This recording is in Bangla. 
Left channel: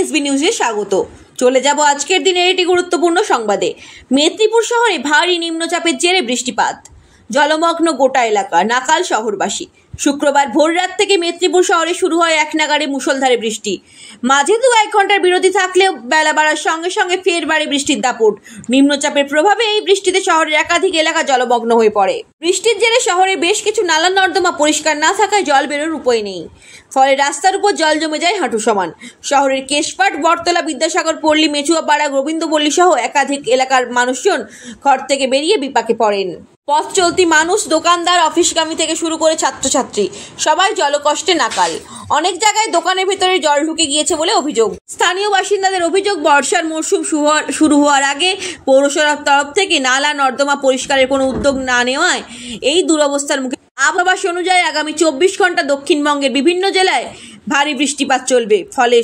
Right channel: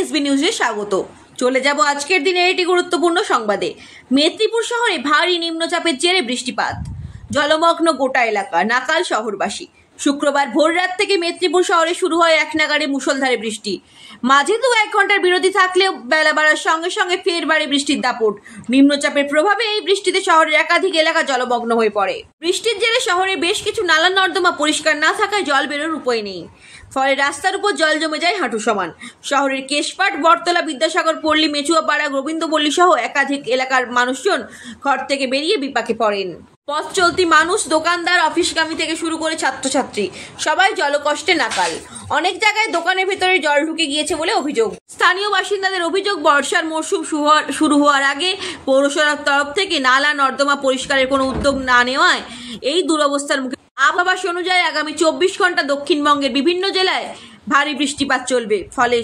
এসবি নিউজে স্বাগত। চলে যাব আজকের দিনের একটি গুরুত্বপূর্ণ সংবাদে। মেদিনীপুর শহরে ভারী নিম্নচাপের জেরে বৃষ্টিপাত, জলমগ্ন গোটা এলাকা, নাকাল শহরবাসী। শুক্রবার ভোররাত থেকে মেদিনীপুর শহরে শুরু হয় এক নাগাড়ে মুষলধারে বৃষ্টি। মাঝে 1 ঘন্টার বিরতি থাকলেও বেলা বাড়ার সঙ্গে সঙ্গে ফের বাড়ে বৃষ্টির দাপট। নিম্নচাপের প্রভাবে এই বৃষ্টিতে শহরের একাধিক এলাকা জলমগ্ন হয়ে পড়ে। বৃষ্টির জেরে শহরে বেশ কিছু নালা নর্দমা পরিষ্কার না থাকায় জল বেরোর উপায় নেই, ফলে রাস্তার উপর জল জমে যায় হাঁটু সমান। শহরের কেশপাট, বটতলা, বিদ্যাসাগর পল্লী, মেচুয়াপাড়া, গোবিন্দপল্লী সহ একাধিক এলাকার মানুষজন ঘর থেকে বেরিয়ে বিপাকে পড়েন। পথ চলতি মানুষ, দোকানদার, অফিসগামী থেকে শুরু করে ছাত্রছাত্রী সবাই জলকষ্টে নাকাল। অনেক জায়গায় দোকানের ভেতরে জল ঢুকে গিয়েছে বলে অভিযোগ। স্থানীয় বাসিন্দাদের অভিযোগ, বর্ষার মরশুম শুরু হওয়ার আগে পৌরসভার তরফ থেকে নালা নর্দমা পরিষ্কারের কোনো উদ্যোগ না নেওয়ায় এই দুরবস্থার মুখে। আবহাওয়া অনুযায়ী আগামী 24 ঘন্টা দক্ষিণবঙ্গের বিভিন্ন জেলায় ভারী বৃষ্টিপাত চলবে, ফলে